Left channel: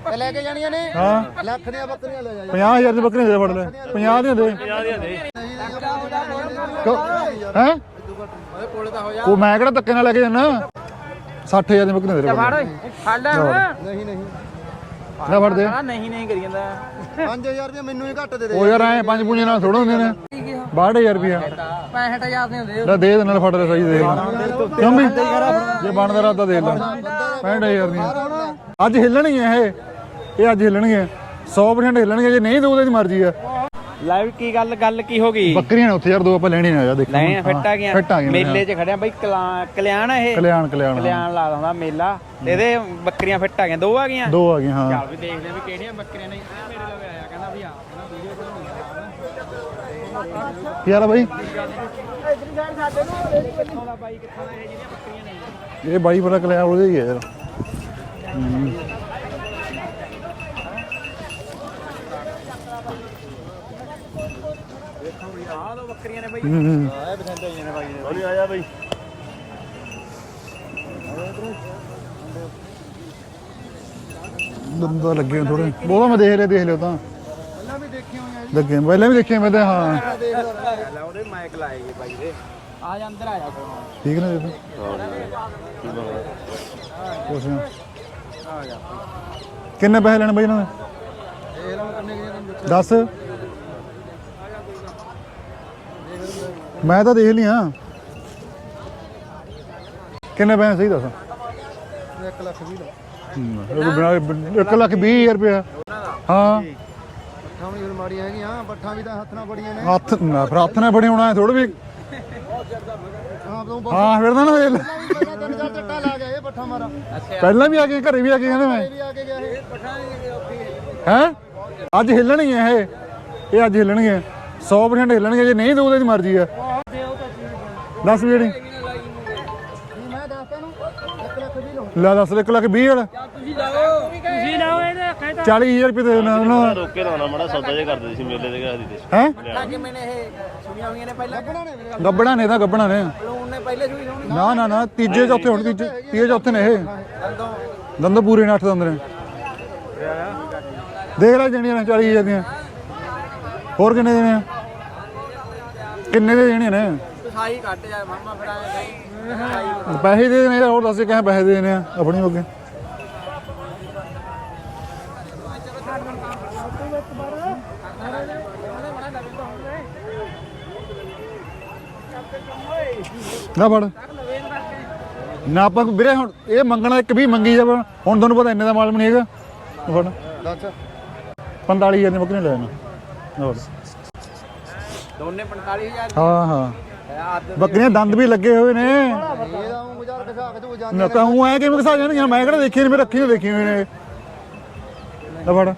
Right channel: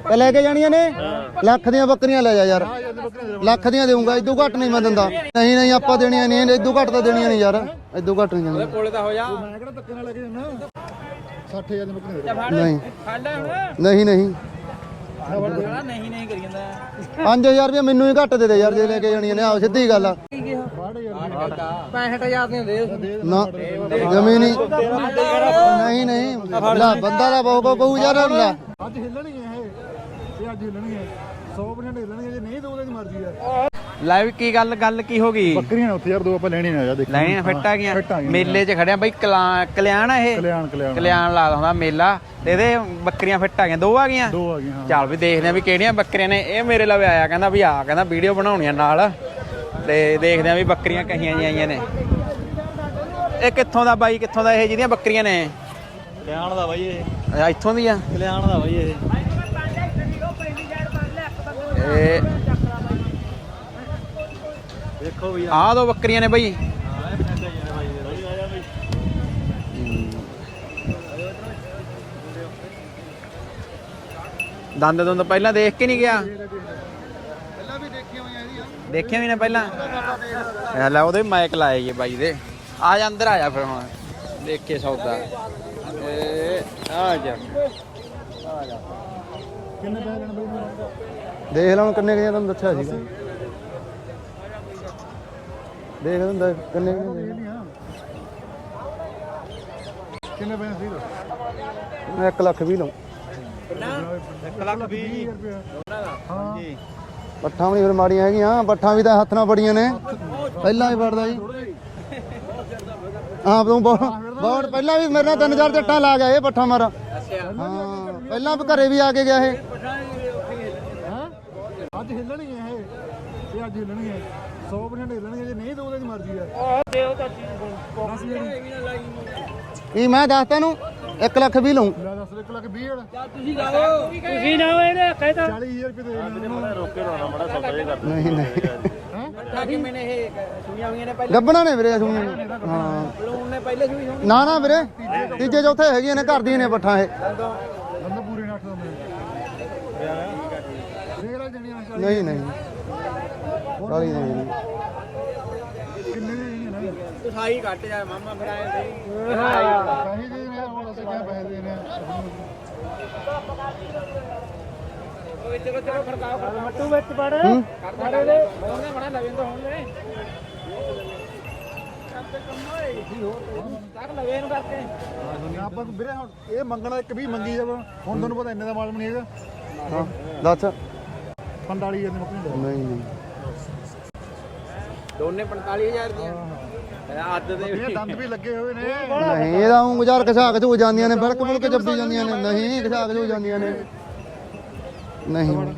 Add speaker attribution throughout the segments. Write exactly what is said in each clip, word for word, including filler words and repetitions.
Speaker 1: ਤੇ ਲੈ ਕੇ ਜਾਣੀਆਂ ਨੇ ਲੱਖ ਦੀਆਂ ਬੱਕਰੀਆਂ ਲੈ ਜਾ ਯਾਰ
Speaker 2: ਪੰਜਾਹ ਹਜ਼ਾਰ ਦੀ ਬੱਕਰੀ ਦੇ
Speaker 1: ਲੱਖ ਦੀਆਂ ਦੇਊਂਗਾ ਇਦੋਂ ਘੱਟ ਨਹੀਂ ਮੈਂ ਦਿੰਦਾ ਨਹੀਂ ਨਹੀਂ ਆਪਾਂ ਦੇਣੀਆਂ ਨਹੀਂ ਇਦੋਂ ਘੱਟ ਤਾਂ ਦੇਣੀਆਂ ਨਹੀਂ ਯਾਰ ਇਦੋਂ ਘੱਟ ਨਹੀਂ ਦੇਣੀਆਂ
Speaker 2: ਉਹ ਮੈਂ ਕਿਹੜਾ ਧੱਕੇ ਨਾਲ ਲੈ ਕੇ ਜਾਣਾ ਸੱਠ ਹਜ਼ਾਰ ਦੀ ਬੱਕਰੀ ਦੇ
Speaker 1: ਨਹੀਂ ਨਹੀਂ ਨਹੀਂ
Speaker 2: ਨਾ ਫੜ ਦੇ
Speaker 3: ਨਹੀਂ ਨਹੀਂ ਕਰੀ ਜਾਂਦਾ
Speaker 1: ਪੰਜ ਹਜ਼ਾਰ ਰੁਪਏ ਮੈਨੂੰ ਹੀ ਘੱਟ ਦੇ ਦੇ
Speaker 2: ਯਾਰ ਐ ਪੰਜ ਪੁਣੇ ਨਾਲ ਥੋੜੀ ਗੱਲ ਬਾਹਠ ਹਜ਼ਾਰ ਰੁਪਿਆ
Speaker 3: ਪੈਂਹਠ ਹਜ਼ਾਰ ਦੇ ਦੇ
Speaker 2: ਲੈ ਦੇ ਦੇਣਾ ਫੜ ਦੇ ਸਹੀ ਦੇ
Speaker 1: ਜਮੀ ਨਹੀਂ
Speaker 2: ਜਮੀ ਬਣ ਕਰਾ ਤਾਂ ਦੇ
Speaker 1: ਲੈ ਬੰਦਾ ਦਾ ਬਾਬੂ ਯਾਰ ਲੈ
Speaker 2: ਅੱਜ ਹਿੱਲਣਗੇ ਇਹ ਇਹ ਅੱਜ ਹਿੱਲਣਗੇ ਸੌ ਪ੍ਰਸੈਂਟ ਹਿੱਲਣਗੇ ਜੇ ਨਹੀਂ ਦੋ ਦੀ ਮਰਜ਼ੀ ਆ
Speaker 3: ਲਾਈਵ ਕੀ ਗੱਲ ਗੱਲ ਕੀ ਹੋ ਗਈ
Speaker 2: ਬੱਕਰੀਆਂ ਨੇ ਉੱਥੇ ਯਾਰ ਦੋ ਆਪਾਂ ਲੈਣੀ ਨੇ ਆ ਦੇਖ
Speaker 3: ਲੈ ਆ ਫਿੱਟ ਆ ਗਿਆ ਮੇਲੇ 'ਚ ਖੜਿਆ ਬਈ ਕਲਿਆਣ ਇਹ
Speaker 2: ਕਲਿਆਣ ਕਲਿਆਣ
Speaker 3: ਕਲਿਆਣ ਲਾ ਹੁੰਦਾ ਮੇਲਾ ਤੇ ਇਹਦੇ ਬੱਕਰੀਆਂ ਫਿੱਟ ਆ ਗਈਆਂ ਦੋ ਆ ਗਈਆਂ
Speaker 2: ਦੋ ਆ ਗਈਆਂ ਹਾਂ
Speaker 3: ਚੱਲ ਵੀ ਦੇਖਦੇ ਆ ਵੀ ਕਿਹੜੀਆਂ ਬੱਕਰੀਆਂ ਨੇ ਇਹ ਮੇਰੇ ਲਵੇ ਆਇਆ ਕਹਿੰਦਾ ਵੀ ਆ ਕਹਿੰਦਾ ਵੀਡੀਓ ਬਣਾਉਣੀਆਂ ਨਾਲ ਤੇ ਦੇਖਦੇ ਆ ਵੀ ਬੱਕਰੀਆਂ ਕਿੰਨੀਆਂ ਆਈਆਂ ਨੇ ਇਹ ਕਿੱਥੋਂ ਦਾ ਬਾਈ ਕਿੱਥੋਂ ਦਾ ਇਹ ਜਿਹਦੀਆਂ ਬੱਕਰੀਆਂ ਨੇ
Speaker 2: ਇਹ ਬਾਈ ਬੜਾ ਕਲਿਆ ਹੋ ਜਾਈ
Speaker 3: ਇਹ ਇੱਥੋਂ ਦੀ ਆ ਕਲਿਆਣ ਦਾ ਬਾਈ ਇਹ ਇਹ ਦੇਖੋ ਵੀ ਆਹ ਦੋ ਬੱਕਰੀਆਂ ਨੇ ਬਾਈ
Speaker 2: ਇਹ
Speaker 3: ਪਸੰਦ ਆਈਆਂ ਨੇ ਬਾਈ ਥੋੜੀ ਆ ਜਾ ਬਾਈ ਦੰਦ ਦੰਦ ਪਹਿਲਾਂ ਦੇਖ ਕੇ ਨਹੀਂ ਗਿਆ
Speaker 2: ਉਹ ਦੇਖ ਲੈ ਦੇਖ ਲਿਓ ਤਾਂ ਪਹਿਲਾਂ ਵੀ ਦੇਖੀ ਹੋਈਆਂ ਦੇਖੀਆਂ ਪਹਿਲਾਂ ਵੀ ਦੇਖੀਆਂ ਮੈਂ ਹਾਂ
Speaker 3: ਇਹ ਲੈ ਉਹਦੇ ਮਾਈਕ ਲਾਏ ਜੀ ਬਾਈ ਦੇ ਆ ਜਾ ਅੰਦਰ ਆ ਜਾ ਫਿਰ ਹੁਣ
Speaker 2: ਠੀਕ ਨੇ
Speaker 3: ਦੇਖ ਕੇ ਸੌਦਾ ਆ ਜਾ ਆ ਜਾ
Speaker 2: ਕਿੰਨੇ ਪੈਸੇ ਲੈਣੇ ਬਾਈ ਇਹਨਾਂ ਨੇ
Speaker 1: ਦੇਖ ਲਾਂ ਕਿੰਨੇ ਗਏ ਤੁਹਾਨੂੰ ਦੱਸਿਆ
Speaker 2: ਦੱਸ
Speaker 1: ਦੇਖ ਲੈਂਦਾ
Speaker 2: ਮੈਂ ਤਾਂ ਦੇਖ ਲਿਆ ਕਿੰਨੇ ਪੈਸੇ ਸਹੀ ਦੱਸ
Speaker 1: ਇੱਕ ਲੱਖ ਵੀਹ ਲਓ
Speaker 2: ਇੱਕ ਲੱਖ ਵੀਹ ਹਜ਼ਾਰ ਰੁਪਇਆ ਹਾਂ
Speaker 1: ਪੱਠਾਂ ਵੀ ਫਿਰ ਮਾੜੀਆਂ ਹੈਗੀਆਂ ਪੱਠਾਂ ਵੀ ਤਾਂ ਹੱਥ ਨਾਲ ਬੜੀਆਂ ਨੇ
Speaker 2: ਹੱਥ ਨਾ ਫਿਰ ਹੱਥ ਨਾਲ ਬਣੀ ਹੋਣਾ ਥੋੜਾ ਵੀ
Speaker 1: ਹਾਂ ਤੂੰ ਬਹੁਤ
Speaker 2: ਹਾਂ ਫਿਰ ਨਾ
Speaker 1: ਪਹਿਲਾਂ ਵੀ ਮੇਰਾ ਤਿੰਨ ਚਾਰ ਚੱਟਾਂ ਲਾ ਗਿਆ ਇਹ ਪੱਠਾ ਮਾਰਾ
Speaker 2: ਪਹਿਲਾਂ ਵੀ ਆ ਗਏ ਘਰੇ ਵੀ ਆ ਗਏ
Speaker 1: ਘਰੇ ਵੀ ਆ ਕੇ ਗਿਆ ਇਹ
Speaker 2: ਹੈ ਅੱਜ ਹਿੱਲਣਗੇ ਇਹ ਇਹ ਅੱਜ ਹਿੱਲਣਗੇ ਸੌ ਪ੍ਰਸੈਂਟ ਹਿੱਲਣਗੇ ਜੇ ਨਹੀਂ ਦੋ ਦੀ ਮਰਜ਼ੀ ਆ ਦੱਸ ਵੀ ਜਿਹੜੀ
Speaker 1: ਕੀ ਮੈਂ ਦੱਸ ਤੈਨੂੰ ਇੱਕ ਲੱਖ ਵੀਹ ਲਊਂ
Speaker 2: ਲੈ ਦੱਸ ਇੱਕ ਲੱਖ ਵੀਹ ਵਾਲਾ
Speaker 3: ਤੁਸੀਂ ਲਾਓ ਇਹਨੇ ਕਹਿਤਾ
Speaker 2: ਚਾਲੀ ਹਜ਼ਾਰ ਰੁਪਏ ਦੇ ਦੇਣਾ ਉਹਨਾਂ
Speaker 4: ਰੋਕੇ ਰੋਣਾ ਮੜਾ ਸੌਦਾ ਜੇ ਕਰਦੇ ਸੀ ਮੇਲੇ ਦੇ ਗਾਦੀ
Speaker 2: ਹੈ
Speaker 3: ਠਾਕੀ ਮੈਨੇ ਇਹ ਸੁਣੀਆਂ ਹੋਈਆਂ ਨੇ ਪਹਿਲਾਂ
Speaker 1: ਗੱਬਣਾ ਨੇ ਵੀਰੇ
Speaker 2: ਗੱਬਣਾ ਨੇ ਤਾਂ ਗੱਬਣਾ ਨੇ
Speaker 3: ਬਲੂਨ ਨੇ ਪਹਿਲੇ ਸੁਣੀ ਹੋਣੀ
Speaker 1: ਨਾ ਨਾ ਵੀਰੇ
Speaker 2: ਤੀਜੇ ਚੌਥੇ
Speaker 1: ਤੀਜੇ ਚੌਥੇ ਹੈਗੀਆਂ ਨੇ ਘਰ ਦੀਆਂ ਨੇ ਪੱਠਾਂ ਇਹ
Speaker 2: ਦੰਦ ਪੂਰੇ ਨੇ ਅੱਠ ਦੰਦ ਨੇ ਦੇਖ ਲੈ ਜਣੀਆਂ ਨੇ ਚਾਲੀ ਹਜ਼ਾਰ ਦੀਆਂ ਹੋਰ ਕਿੰਨੇ ਦੇਣੇ ਆ ਕਿੰਨੇ ਦੇ ਦੇਣੇ ਨੇ
Speaker 3: ਸਾਈ ਕੱਟ ਜਾ ਮਾਮਾ ਫੜਾਇਆ ਸਹੀ
Speaker 2: ਪੈਸੇ ਦੇ ਦੇਣੇ ਹੋਰ ਦੱਸ ਕਿਵੇਂ ਪੈਸੇ ਦੇ ਦੇਣੇ ਆ ਆਪਣੀ ਹੋ ਗਏ
Speaker 3: ਚਲੋ ਚਲੋ ਖੜਕਾ ਹੱਟੂ ਵਿੱਚ ਵੜ ਹੂੰ ਉਹਨੇ ਬਣਾ ਲਵੇਂ ਤਾਂ ਹੁਣ ਵੇ
Speaker 2: ਨਾ ਫੜ ਨਾ ਆਪਾਂ ਵੀਰੇ ਹੁਣ ਇਹ ਮੰਗਣਾ ਇੱਕ ਵੀ ਮੰਗੀ ਜਾ ਹੁਣ ਤੁਹਾਨੂੰ ਪਤਾ ਇੰਨੇ ਦਾ ਮਾਲ ਨਹੀਂ ਹੈਗਾ ਫੜ
Speaker 1: ਦੱਸ
Speaker 2: ਪੰਤਾਲੀ ਹਜ਼ਾਰ ਦੀ ਬੱਕਰੀ ਲੈ ਹੋਰ
Speaker 3: ਦੋਨੇ ਪੰਤਾਲੀ ਹਜ਼ਾਰ
Speaker 2: ਹਾਂ ਹਾਂ ਬੱਕਰੀਆਂ ਦੰਦ ਵੀ ਲੱਗੇ ਹੋਏ ਨੇ
Speaker 1: ਨਹੀਂ ਇਹਦਾ ਉਹ ਗੁਜ਼ਾਰ ਕਸਾ ਕੇ ਤੂੰ ਜਾਂਦੀਆਂ ਨੇ
Speaker 2: ਉਹ ਐ ਕਿ ਵਰਸਾ ਜਾਣਗੀਆਂ ਮੈਂ ਕਿਹੜਾ ਦੇਖੀ ਨਹੀਂ ਰੱਖੀ ਨਹੀਂ ਦੇਖੀ ਹੋਈ ਨੇ
Speaker 1: ਨਹੀਂ
Speaker 2: ਫੜ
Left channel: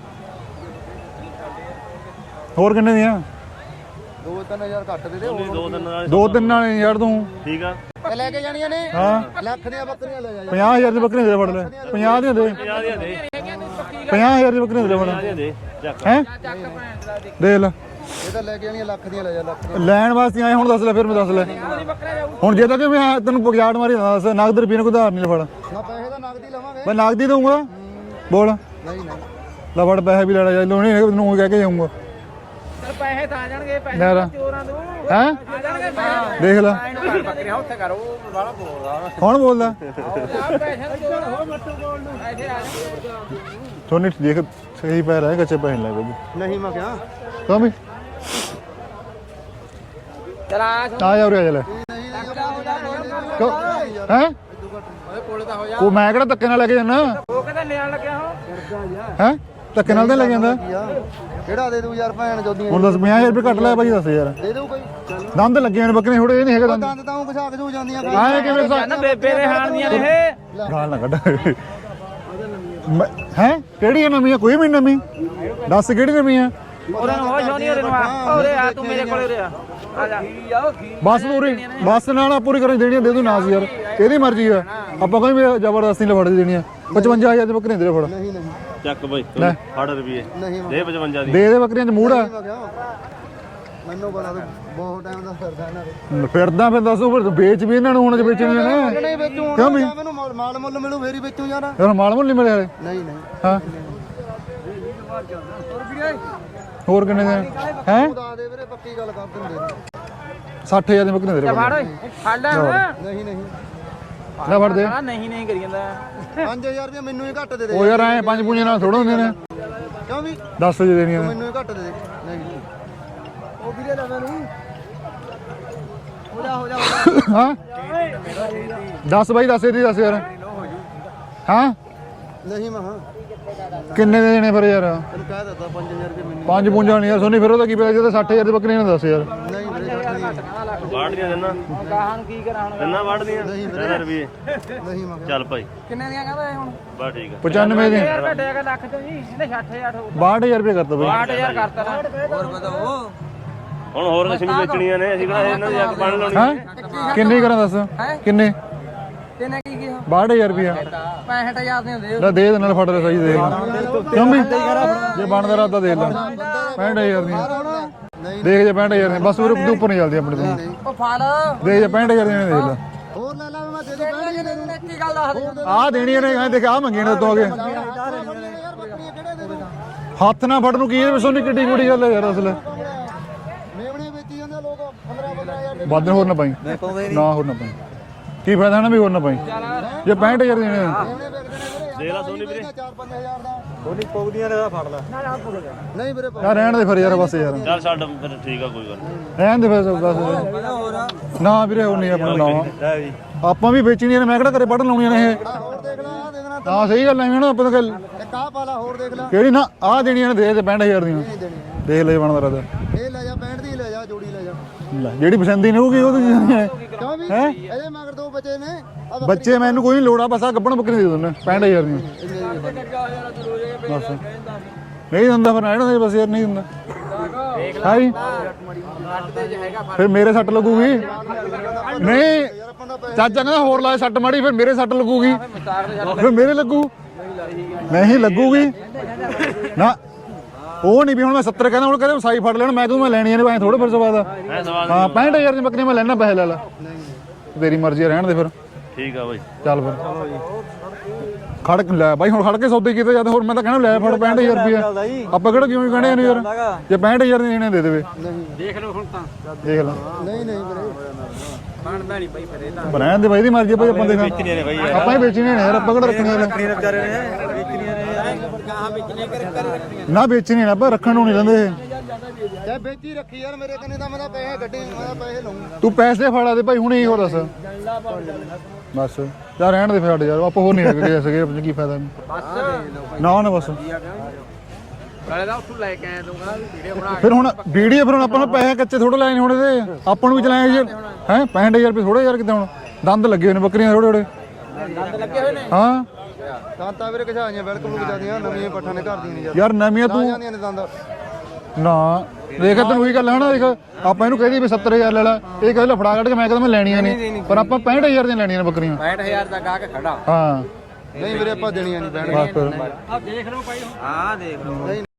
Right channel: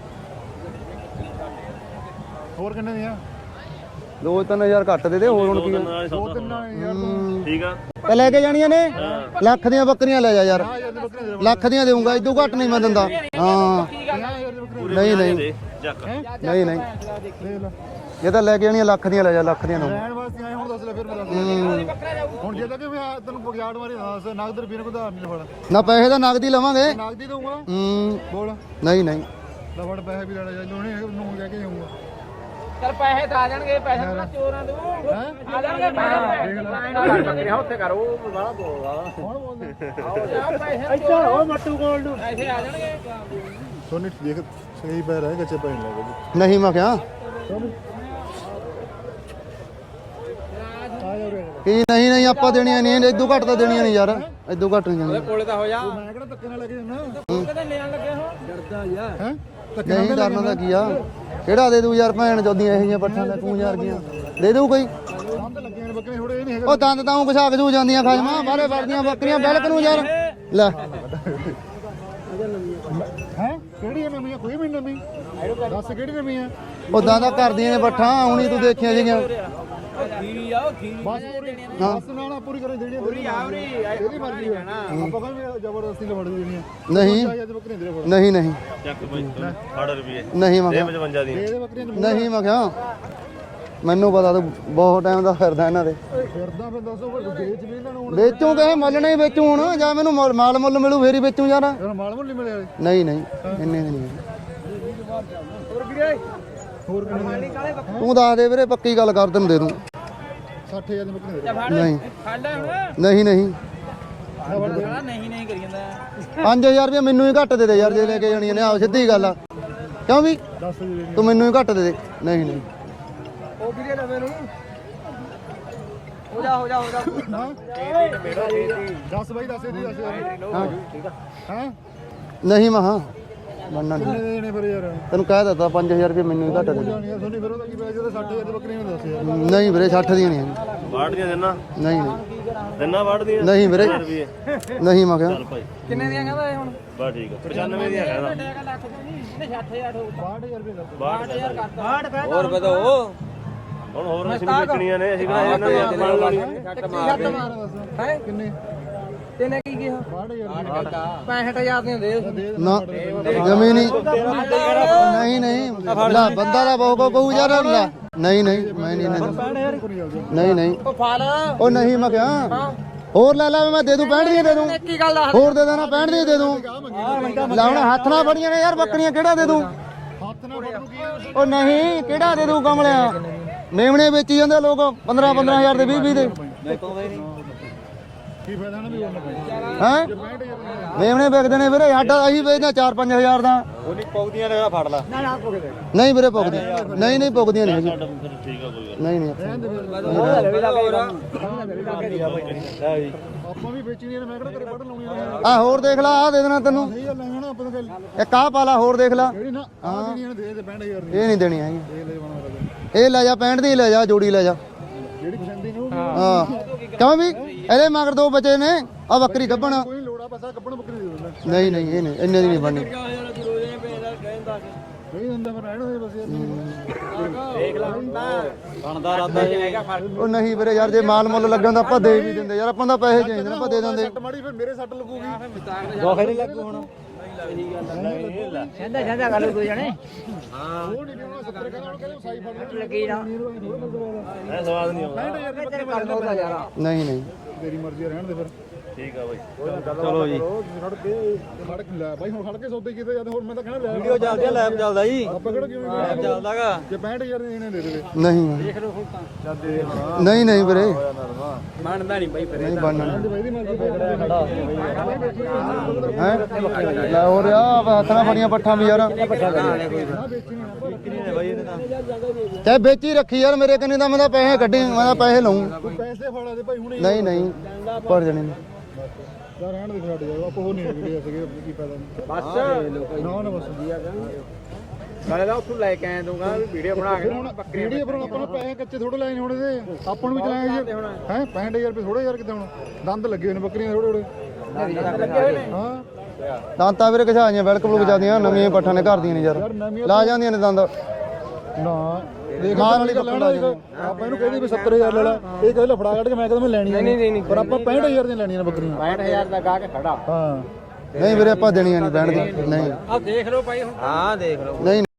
Speaker 2: ਹੋਰ ਕਿੰਨੇ ਦੀਆਂ
Speaker 1: ਦੋ ਤਿੰਨ ਹਜ਼ਾਰ ਘੱਟ ਦੇ ਦੇ ਹੋਰ ਹੁਣ ਕੀ
Speaker 2: ਦੋ ਤਿੰਨ ਨਾਲ ਯਾਰ ਤੂੰ
Speaker 4: ਠੀਕ ਆ
Speaker 1: ਤੇ ਲੈ ਕੇ ਜਾਣੀਆਂ ਨੇ ਲੱਖ ਦੀਆਂ ਬੱਕਰੀਆਂ ਲੈ ਜਾ ਯਾਰ
Speaker 2: ਪੰਜਾਹ ਹਜ਼ਾਰ ਦੀ ਬੱਕਰੀ ਦੇ
Speaker 1: ਲੱਖ ਦੀਆਂ ਦੇਊਂਗਾ ਇਦੋਂ ਘੱਟ ਨਹੀਂ ਮੈਂ ਦਿੰਦਾ ਹਾਂ
Speaker 2: ਪੰਜਾਹ ਹਜ਼ਾਰ ਦੀ ਬੱਕਰੀ ਦੇ
Speaker 1: ਨਹੀਂ ਨਹੀਂ
Speaker 2: ਹੈ
Speaker 1: ਨਹੀਂ ਨਹੀਂ
Speaker 2: ਦੇ ਲੈ
Speaker 1: ਇਹ ਤਾਂ ਲੈ ਕੇ ਜਾਣੀਆਂ ਲੱਖ ਦੀਆਂ ਲੈ ਜਾ ਲੱਖ ਦੀਆਂ
Speaker 2: ਲੈਣ ਵਾਸਤੇ ਆਏ ਹੁਣ ਦੱਸ ਲੈ ਫਿਰ ਮੈਂ ਦੱਸ ਲੈ ਹੁਣ ਜੇ ਤਾਂ ਕਿ ਮੈਂ ਤੈਨੂੰ ਪਗਿਆੜ ਮਾਰੀ ਦੱਸ ਨਗਦ ਰੁਪਏ ਨੂੰ ਕੋਈ ਉਧਾਰ ਨਹੀਂ ਫੜ
Speaker 1: ਨਾ ਪੈਸੇ ਤਾਂ ਨਗਦੀ ਲਵਾਂਗੇ
Speaker 2: ਮੈਂ ਨਗਦੀ ਦਊਂਗਾ
Speaker 1: ਹੂੰ
Speaker 2: ਬੋਲ
Speaker 1: ਨਹੀਂ ਨਹੀਂ
Speaker 2: ਲੈ ਫੜ ਪੈਸੇ ਵੀ ਲੈਣਾ ਚਾਹੀਦਾ ਨਹੀਂ ਤੈਨੂੰ ਕਹਿ ਕੇ ਜਾਊਂਗਾ
Speaker 3: ਚਲ ਪੈਸੇ ਤਾਂ ਆ ਜਾਣਗੇ ਪੈਸੇ ਚੋਰਾਂ ਦੇ
Speaker 2: ਹੈ
Speaker 3: ਆ ਜਾਣਗੇ ਪੈਸੇ
Speaker 2: ਦੇਖ ਲੈ
Speaker 3: ਬੱਕਰੀਆਂ ਉੱਥੇ ਕਰੋ ਉਹ ਬਾਹਲਾ ਬੋਲਦਾ
Speaker 2: ਕੌਣ ਬੋਲਦਾ
Speaker 3: ਇੱਧਰ ਉਹ ਮੱਟੂ ਕੋਲ ਨੂੰ ਪੈਸੇ ਆ ਜਾਣਗੇ
Speaker 2: ਸੋਨੀ ਦੇਖ ਸਹੀ ਪੈਰ ਹੈ ਕੱਚੇ ਪੈਸੇ ਲੱਗ ਗਏ
Speaker 1: ਨਹੀਂ ਮੈਂ ਕਿਹਾ
Speaker 2: ਕਹਾਂ ਵੀ
Speaker 3: ਚਲ ਆ
Speaker 2: ਆ ਜਾ ਉਰੇ ਆ ਲੈ
Speaker 1: ਕੀ ਨਹੀਂ ਨਹੀਂ ਆਪਾਂ ਦੇਣੀਆਂ ਨਹੀਂ ਇਦੋਂ ਘੱਟ ਤਾਂ ਦੇਣੀਆਂ ਨਹੀਂ ਯਾਰ ਇਦੋਂ ਘੱਟ ਨਹੀਂ ਦੇਣੀਆਂ
Speaker 3: ਕੋਲੇ ਤਾਂ ਹੋ ਜਾ
Speaker 2: ਉਹ ਮੈਂ ਕਿਹੜਾ ਧੱਕੇ ਨਾਲ ਲੈ ਕੇ ਜਾਣਾ
Speaker 3: ਉਹ ਕਹਿੰਦਾ ਲੈਣ ਲੱਗਿਆ ਹੋ
Speaker 2: ਹੈ ਧੱਕੇ ਨਾਲ ਤਾਂ ਲੈ ਜਾਂਦਾ
Speaker 1: ਕੀ ਆ ਕਿਹੜਾ ਦੇ ਦੂ ਯਾਰ ਭੈਣ ਜੋਦੀਆਂ
Speaker 2: ਹੁਣ ਦੱਸ ਪੰਜਾਹ ਹਜ਼ਾਰ ਰੁਪਏ ਕੱਟ ਲੈ ਭਾਈ ਦੱਸ ਯਾਰ
Speaker 1: ਦੇ ਦੂ ਕੋਈ
Speaker 2: ਦੰਦ ਲੱਗੇ ਨੇ ਬੱਕਰੇ ਥੋੜੇ ਇਹ ਨਹੀਂ ਹੈਗਾ
Speaker 1: ਉਹ ਦੰਦ ਤਾਂ ਉਹ ਘਸਾ ਕੇ ਜੂ ਜਾਂਦੀਆਂ ਖਾਈਆਂ ਬੱਕਰੀਆਂ ਫੜ ਤੂੰ ਯਾਰ ਲੈ
Speaker 2: ਖਾਣ ਨਾ ਕੱਢ ਹੈ ਕਿਹੜੀ ਨਵੀਂ ਆ ਕੋਈ ਵੀ ਨਵੀਂ ਦੱਸ ਕਿਹੜੀ ਨਵੀਂ ਆ
Speaker 1: ਉਹ ਦਾਦਾ ਕਰਦੀਆਂ ਨੇ ਬੱਠਾ ਹੁਣ ਤੂੰ ਦੇਖੀਆਂ ਜਿਹੜੀਆਂ
Speaker 2: ਬਸ ਪੂਰੀ ਬਸ ਨਾਲ ਪੂਰੀ ਕਰਨ ਦੇਣੀ ਦੇ ਦੂ ਨਾਸ ਯਾਰ ਇਹਦੀ ਮਰਜ਼ੀ ਆ ਆਪਾਂ ਕੋਈ ਜ਼ਬਰਦਸਤੀ ਨਾਲ ਫੜ ਦੇਣੀ ਆ ਪਚਵੰਜਾ ਹਜ਼ਾਰ ਦੇ ਬੱਕਰੇ ਦੇ ਫੜ
Speaker 1: ਨਹੀਂ ਨਹੀਂ
Speaker 4: ਚੱਕ ਬਾਈ ਫੜ ਰੁਪਏ
Speaker 1: ਨਹੀਂ ਮੈਂ
Speaker 4: ਦੇ ਪਚਵੰਜਾ ਦੀ
Speaker 2: ਦੇ ਦੇ ਬੱਕਰੀਆਂ ਚ ਮੂਹਰ
Speaker 1: ਨਹੀਂ ਮੈਂ ਕਿਹਾ ਮੈਨੂੰ ਪਤਾ ਤੂੰ ਬਹੁਤ ਟਾਈਮ ਦਾ ਫਿਰਦਾ ਇਹਨਾਂ ਦੇ
Speaker 2: ਫਿਰਦਾ ਫਿਰ ਦੱਸੋ ਫਿਰ ਵੇਚ ਵੀ ਇਹਨਾਂ ਨੂੰ ਹੁਣ ਵੇਚਣ
Speaker 1: ਮੰਨਣਾ ਹੀ ਵੇਚੂ ਹੁਣ ਜਾਂ ਮੈਨੂੰ ਮਾਲ ਮੁੱਲ ਮਿਲੂ ਫੇਰ ਹੀ ਵੇਚੂ ਯਾਰ
Speaker 2: ਫਿਰ ਮਾਲ ਮੁੱਲ ਨਹੀਂ ਮਿਲਿਆ
Speaker 1: ਨਹੀਂ ਨਹੀਂ ਇੰਨੇ ਨਹੀਂ
Speaker 2: ਹੋਰ ਕਿੰਨੇ ਦੇ ਹੈ
Speaker 1: ਤੂੰ ਦੱਸ ਦੇ ਵੀਰੇ ਪੱਕੀ ਗੱਲ ਕਰ ਤੈਨੂੰ ਦੇ ਦੂੰ
Speaker 2: ਸੱਠ ਹਜ਼ਾਰ ਦੀ ਬੱਕਰੀ ਦੇ ਦੇ
Speaker 1: ਨਹੀਂ ਨਹੀਂ ਨਹੀਂ
Speaker 2: ਲੈ ਫੜ ਦੇ
Speaker 3: ਨਹੀਂ ਨਹੀਂ ਕਰੀ ਜਾਂਦਾ
Speaker 1: ਪੰਜ ਹਜ਼ਾਰ ਰੁਪਏ ਮੈਨੂੰ ਹੀ ਘੱਟ ਦੇ ਦੇ
Speaker 2: ਉਹ ਯਾਰ ਐਂ ਪੰਜ ਪੁੰਜੇ ਨਾਲ ਥੋੜ੍ਹਾ
Speaker 1: ਗੱਲ ਆ। ਕਿਉਂ ਵੀ
Speaker 2: ਦਸ ਵਜੇ ਦੇਣੀ
Speaker 1: ਤੂੰ ਮੈਨੂੰ ਹੀ ਘੱਟ ਦੇ ਦੇ ਨਹੀਂ ਨਹੀਂ
Speaker 2: ਹਾਂ ਦਸ ਬਾਈ ਦਸ ਇਹਦੀ ਦਸ ਯਾਰ ਹਾਂ
Speaker 1: ਨਹੀਂ ਮਹਾ
Speaker 2: ਕਿੰਨੇ ਦੇ ਦੇਣੇ ਫਿਰ ਯਾਰ
Speaker 1: ਤੈਨੂੰ ਕਹਿ ਦਿੱਤਾ ਪੰਜ ਹਜ਼ਾਰ ਰੁਪਏ ਮੈਨੂੰ
Speaker 2: ਪੰਜ ਪੁੰਜਾ ਨਹੀਂ ਯਾਰ ਸੋਨੀ ਫਿਰ ਉਹਦਾ ਕੀ ਪਿਆ ਜੇ ਤਾਂ ਸੱਠ ਹਜ਼ਾਰ ਦੀ ਬੱਕਰੀ ਨੇ ਦੱਸ ਯਾਰ
Speaker 1: ਨਹੀਂ ਵੀਰੇ ਸੱਠ ਦੀ ਨਹੀਂ
Speaker 4: ਵਾੜ ਦੀਆਂ ਦਿੰਨਾ
Speaker 1: ਨਹੀਂ
Speaker 4: ਦਿੰਨਾ ਵਾੜ ਦੀਆਂ
Speaker 1: ਨਹੀਂ ਵੀਰੇ
Speaker 4: ਰੁਪਏ
Speaker 1: ਨਹੀਂ ਮੈਂ ਕਿਹਾ
Speaker 4: ਚੱਲ ਭਾਈ
Speaker 3: ਕਿੰਨੇ ਦੀਆਂ ਕਹਿੰਦਾ ਹੁਣ
Speaker 4: ਬਸ ਠੀਕ ਆ
Speaker 2: ਪਚਾਨਵੇਂ ਦੇ
Speaker 3: ਘਟੇਗਾ ਲੱਖ ਤੋਂ ਨਹੀਂ ਇਹਨੇ ਸੱਠ ਹਜ਼ਾਰ ਹੋ
Speaker 2: ਬਾਹਠ ਹਜ਼ਾਰ ਰੁਪਏ ਕਰਤਾ ਬਈ
Speaker 3: ਸੱਠ ਹਜ਼ਾਰ ਕਰਤਾ ਹੋਰ ਵਧੋ
Speaker 4: ਹੁਣ ਹੋਰ ਅਸੀਂ ਵੀ ਵੇਚਣੀਆਂ ਨੇ ਅਸੀਂ ਕਿਹੜਾ ਇਹਨਾਂ ਦੀ ਅੱਗ ਮਾਰ ਲਾਉਣੀ
Speaker 2: ਹਾਂ ਕਿੰਨੇ ਕਰਾਂ ਦੱਸ ਕਿੰਨੇ
Speaker 3: ਤੇਨੇ ਕੀ ਕਿਹਾ
Speaker 2: ਬਾਹਠ ਹਜ਼ਾਰ ਰੁਪਇਆ
Speaker 3: ਪੈਂਹਠ ਹਜ਼ਾਰ ਦੇ ਦੇ
Speaker 2: ਲੈ ਦੇ ਦੇਣਾ ਫੜ ਸਹੀ ਦੇ
Speaker 1: ਜਮੀ ਨਹੀਂ
Speaker 2: ਜਮੀ ਬਣਦਾ ਰਾਦਾ ਦੇ
Speaker 1: ਲੈ ਬੰਦਾ ਦਾ ਬਾਬਾ ਬਹੂ ਯਾਰ ਲੈ ਨਹੀਂ
Speaker 2: ਦੇਖ
Speaker 1: ਨਹੀਂ
Speaker 2: ਜੇ ਪੈਂਹਠ ਹਜ਼ਾਰ ਬਸ ਉਹ ਉੱਪਰ ਨਹੀਂ ਚੱਲਦੀ ਆਪਣੇ
Speaker 1: ਨਹੀਂ ਨਹੀਂ
Speaker 3: ਫਾਲ
Speaker 2: ਦੇ ਜੇ ਪੈਂਹਠ ਹਜ਼ਾਰ ਦੇ ਦੇ ਲੈ
Speaker 1: ਹੋਰ ਲੈ ਲੈ ਮੈਂ ਦੇ ਦੂੰ ਪੈਂਹਠ ਦੀਆਂ ਦੇ ਦੂੰ
Speaker 3: ਕੀ ਗੱਲ ਆ
Speaker 1: ਹੋਰ ਦੇ
Speaker 2: ਆ
Speaker 1: ਦੂੰ
Speaker 2: ਦੇਣੀਆਂ ਨੇ ਮੈਂ ਦੇਖਾ ਮੰਗੀਆਂ ਨੇ ਦੋਗੇ
Speaker 1: ਲੈ ਹੁਣ ਹੱਥ ਨਾਲ ਫੜੀਆਂ ਨੇ ਯਾਰ ਬੱਕਰੀਆਂ ਕਿਹੜਾ ਦੇ ਦੂੰ
Speaker 2: ਹੱਥ ਨਾਲ ਫੜ ਨੂੰ ਕੀ ਇਹ ਸੋਨੀ ਕਿੱਡੀ ਮੋਟੀ ਗੱਲ ਹੈ
Speaker 1: ਕਿਹੜਾ ਦੇ ਦੂੰ ਕਮਲਿਆ ਮੇਵਣੇ ਵੇਚੀ ਜਾਂਦੇ ਲੋਕ ਪੰਦਰਾਂ ਪੰਦਰਾਂ ਹਜ਼ਾਰ ਦੇ ਵੀਹ
Speaker 2: ਵੱਧ ਹੋਰ ਨਾ ਪਾਈ ਨਾ ਹੋਰ ਨਾ ਪਾਈ ਕੀ ਫਾਇਦਾ ਨਾ ਵੀ ਹੋਰ ਨਾ ਪਾਈ
Speaker 1: ਹੈ
Speaker 2: ਜੇ ਪੈਂਹਠ ਹਜ਼ਾਰ ਦੇਣੇ ਆ।
Speaker 1: ਮੇਵਣੇ ਵਿਕਦੇ ਨੇ ਵੀਰੇ ਸਾਡਾ ਅਸੀਂ ਵੇਚਦੇ ਚਾਰ ਪੰਜ ਹਜ਼ਾਰ ਦਾ
Speaker 4: ਉਹਨੀ ਪੌਦੀਆਂ ਨੇ ਫੜ ਲਾ
Speaker 1: ਨਹੀਂ ਵੀਰੇ ਪੁੱਗਦੀਆਂ
Speaker 2: ਰਹਿਣ ਦੇ ਫਿਰ ਯਾਰ
Speaker 1: ਨਹੀਂ
Speaker 2: ਬਸ ਯਾਰ।
Speaker 1: ਪੁੱਗਦੀਆਂ
Speaker 4: ਚੱਲ ਛੱਡ ਫਿਰ ਠੀਕ ਆ ਕੋਈ ਗੱਲ
Speaker 1: ਨਹੀਂ ਨਹੀਂ
Speaker 2: ਰਹਿਣ ਦੇ ਫਿਰ ਦੱਸ ਨਾ ਵੀਰੇ ਹੋਰ ਨਹੀਂ ਆਪਣਾ ਨਾ ਆਪਾਂ ਵੀ ਵੇਚਣੀਆਂ ਨੇ ਮੈਂ ਕਿਹੜਾ ਘਰੇ ਪੜਨ ਲਾਉਣੀਆਂ ਨੇ ਇਹ
Speaker 1: ਆ ਹੋਰ ਦੇਖ ਲੈ ਆ ਦੇ ਦੇਣਾ ਤੈਨੂੰ
Speaker 2: ਹਾਂ ਸਹੀ ਗੱਲ ਐਵੇਂ ਨਾ ਆਪਾਂ ਤਾਂ ਗੱਲ
Speaker 1: ਇੱਕ ਆਹ ਪਾ ਲਾ ਹੋਰ ਦੇਖ ਲੈ
Speaker 2: ਕਿਹੜੀ ਨਾ ਆਹ ਦੇਣੀਆਂ ਨੇ ਦੇ ਦੇ ਪੈਂਹਠ ਹਜ਼ਾਰ
Speaker 1: ਇਹ
Speaker 2: ਦੀਆਂ
Speaker 1: ਨਹੀਂ ਦੇਣੀ ਹੈਗੀ
Speaker 2: ਦੇਖ ਲੈ ਬਣਦਾ ਰਦਾ
Speaker 1: ਇਹ ਲੈ ਜਾ ਪੈਂਹਠ ਦੀ ਲੈ ਜਾ ਜੋੜੀ ਲੈ ਜਾ
Speaker 2: ਜਿਹੜੀ ਪਸੰਦੀ ਨੇ ਹੋਊਗੀ ਉਹ
Speaker 1: ਕਿਉਂ ਵੀ ਇਹਦੇ ਮਗਰ ਦੋ ਬੱਚੇ ਨੇ ਆ ਬੱਕਰੀ
Speaker 2: ਬੱਚੇ ਮੈਨੂੰ ਕੋਈ ਨਹੀਂ ਲੋੜ ਆ ਬਸ ਆ ਗੱਬਣ ਬੱਕਰੀ ਦੇ ਦਿੰਦਾ ਪੈਂਹਠ ਹਜ਼ਾਰ ਦੀ
Speaker 1: ਇੰਨੇ ਦੀ ਨਹੀਂ ਬਣਨੀ
Speaker 2: ਨਹੀਂ ਦਿੰਦਾ ਫਿਰ ਨਾ ਬਸ ਯਾਰ ਨਹੀਂ ਦਿੰਦਾ ਹਾਈ ਫਿਰ ਮੇਰੇ ਸੱਟ ਲੱਗੂਗੀ
Speaker 1: ਜੇ ਮਾਲ ਮੁੱਲ ਲੱਗਣ ਦਾ ਆਪਾਂ ਦੇ ਨਹੀਂ ਦਿੰਦੇ ਯਾਰ ਆਪਾਂ ਦਾ ਪੈਸੇ
Speaker 2: ਚਾਚਾ ਕਹਿੰਦਾ ਹੋਰ ਲਾ ਸੱਟ ਮਾੜੀ ਫਿਰ ਮੇਰੇ ਸੱਟ ਲੱਗੂਗੀ ਫਿਰ ਮੇਰੇ ਲੱਗੂ ਨਹੀਂ ਲੱਗੂਗੀ ਨਾ ਉਹ ਨਹੀਂ ਵੀ ਹੁਣ ਮੈਂ ਸੱਤਰ ਕਹਿੰਦਾ ਹੁਣ ਕਹਿੰਦੇ ਸਾਈ ਫੜ ਲੈਣ ਮੈਂ ਤੂੰ ਮੈਂ ਲੈਣੀਆਂ ਨੇ ਐ ਥੋੜਾ ਫਿਰ ਸਵਾਦ ਹਾਂ ਪੈਂਹਠ ਹਜ਼ਾਰ ਦੀ ਬੱਕਰੀ ਮੈਂ ਲੈਣਾ ਪੈਸੇ ਲੈ ਲਾ
Speaker 1: ਨਹੀਂ ਨਹੀਂ
Speaker 2: ਤੇਰੀ ਮਰਜ਼ੀ ਰਹਿਣ ਦੇ ਫਿਰ
Speaker 4: ਠੀਕ ਆ ਬਾਈ
Speaker 2: ਚੱਲ ਫਿਰ ਚਲੋ ਜੀ ਖੜ ਕੇ ਲੈ ਬਾਈ ਹੁਣ ਖੜ ਕੇ ਸੌਦੇ ਕੀਤੇ ਜਦ ਹੋਰ ਮੈਂ ਤਾਂ ਕਹਿਣਾ ਲੈ ਫੜ ਪੈਂਹਠ ਹਜ਼ਾਰ ਰੁਪਇਆ ਆਪਾਂ ਕਿਹੜਾ ਕਿਉਂ ਕਹਿੰਦੇ ਨੇ ਯਾਰ ਜੇ ਪੈਂਹਠ ਹਜ਼ਾਰ ਦੇ ਦੇਣੇ ਦੇ ਦੇਵੇ
Speaker 1: ਨਹੀਂ
Speaker 3: ਦੇਖ ਲਓ ਹੁਣ ਤਾਂ
Speaker 2: ਦੇਖ ਲੈ
Speaker 1: ਨਹੀਂ ਨਹੀਂ ਵੀਰੇ
Speaker 3: ਬਣਦਾ ਨਹੀਂ ਬਾਈ ਫਿਰ
Speaker 2: ਰਹਿਣ ਦੇ ਬਾਈ ਦੀ ਮਰਜ਼ੀ ਬਾਈ ਆਪਾਂ ਦੇਖਾਂ ਆਪਾਂ ਹੀ ਵੇਚਣੇ ਨੇ ਯਾਰ ਆਪਾਂ ਕਿਹੜਾ ਰੱਖਣੇ ਨੇ
Speaker 1: ਹੋਰ ਆ ਬਾਤਰਾ ਬੜੀਆਂ ਪੱਠਾਂ ਵੀ ਯਾਰ
Speaker 2: ਨਾ ਵੇਚਣੇ ਨੇ ਆਪਾਂ ਰੱਖਣ ਨੂੰ ਨਹੀਂ ਲੈਂਦੇ
Speaker 1: ਚਾਹੇ ਵੇਚੀ ਰੱਖੀ ਯਾਰ ਮੇਰੇ ਕੰਨੇ ਦਾ ਮੈਂ ਤਾਂ ਪੈਸੇ ਕੱਢੀ ਮੈਂ ਤਾਂ ਪੈਸੇ ਲਊਂ
Speaker 2: ਤੂੰ ਪੈਸੇ ਫੜਾ ਦੇ ਭਾਈ ਹੁਣੇ ਹੀ ਉਹ ਦੱਸ
Speaker 1: ਪੜ ਜਾਣੇ
Speaker 2: ਬਸ ਯਾਰ ਰਹਿਣ ਦੇ ਫਿਰ ਯਾਰ ਆਪਾਂ ਹੋਰ ਨਹੀਂ ਹੈਗੇ ਸਕੇ ਆਪਣੇ ਕੀ ਫਾਇਦਾ
Speaker 3: ਬਸ
Speaker 2: ਨਾ ਨਾ ਬਸ
Speaker 3: ਨਾਲੇ ਦਾ ਉੱਥੋਂ ਲੈ ਕੇ ਆਇਆ ਦੂੰਗਾ ਵੀਡੀਓ ਬਣਾ ਕੇ
Speaker 2: ਫਿਰ ਹੁਣ ਵੀਡੀਓ ਫਿਰ ਹੁਣ ਆਪਾਂ ਨੂੰ ਪੈਸੇ ਕੱਚੇ ਥੋੜੇ ਲੈਣੇ ਹੁਣ ਇਹਦੇ ਆਪਾਂ ਨੂੰ ਵੀ ਚਲਾਏ ਜੀ ਹੈ ਪੈਂਹਠ ਹਜ਼ਾਰ ਰੁਪਏ ਥੋੜੇ ਯਾਰ ਕਿਤੇ ਹੁਣ ਦੰਦ ਲੱਗੇ ਹੋਏ ਨੇ ਬੱਕਰੀਆਂ ਥੋੜੇ ਥੋੜੇ
Speaker 3: ਦੰਦ ਲੱਗੇ ਹੋਏ ਨੇ
Speaker 2: ਹਾਂ
Speaker 1: ਦਾਂਤਾ ਵੀਰੇ ਕਿਸਾਈਆਂ ਬਿਲਕੁਲ ਵਿਚਾਦੀਆਂ ਨਵੀਆਂ ਪੱਠਾਂ ਨੇ ਘਰ ਦੀਆਂ ਨੇ ਯਾਰ
Speaker 2: ਯਾਰ ਨਵੀਆਂ
Speaker 1: ਲਾ
Speaker 2: ਤੂੰ
Speaker 1: ਜਾਂਦੀਆਂ ਨੇ ਦੰਦ
Speaker 2: ਨਾ ਦੇਖ ਤੈਨੂੰ ਇਹ ਗੱਲ ਹੈ ਨਾ ਦੇਖ ਆਪਾਂ ਇਹਨੂੰ ਕਹਿੰਦੀ ਵੀ ਸੱਤਰ ਹਜ਼ਾਰ ਲੈ ਲੈ ਇਹ ਕਹਿੰਦਾ ਫੜਾ ਕੱਢ ਕੇ ਮੈਂ ਕਹਿੰਦਾ ਮੈਂ ਲੈਣੀਆਂ ਨਹੀਂ ਪਰ ਆਪਾਂ ਪੈਂਹਠ ਹਜ਼ਾਰ ਦੀਆਂ ਲੈਣੀਆਂ ਨੇ ਬੱਕਰੀਆਂ
Speaker 3: ਪੈਂਹਠ ਹਜ਼ਾਰ ਦਾ ਗਾਹਕ ਖੜਾ
Speaker 2: ਹਾਂ
Speaker 1: ਨਹੀਂ ਵੀਰੇ ਆਪਾਂ ਦੇਣੀਆਂ ਨਹੀਂ ਬੈਣ ਨਹੀਂ
Speaker 3: ਆ ਦੇਖ ਲਓ ਭਾਈ ਹਾਂ ਦੇਖ ਲਓ
Speaker 1: ਨਹੀਂ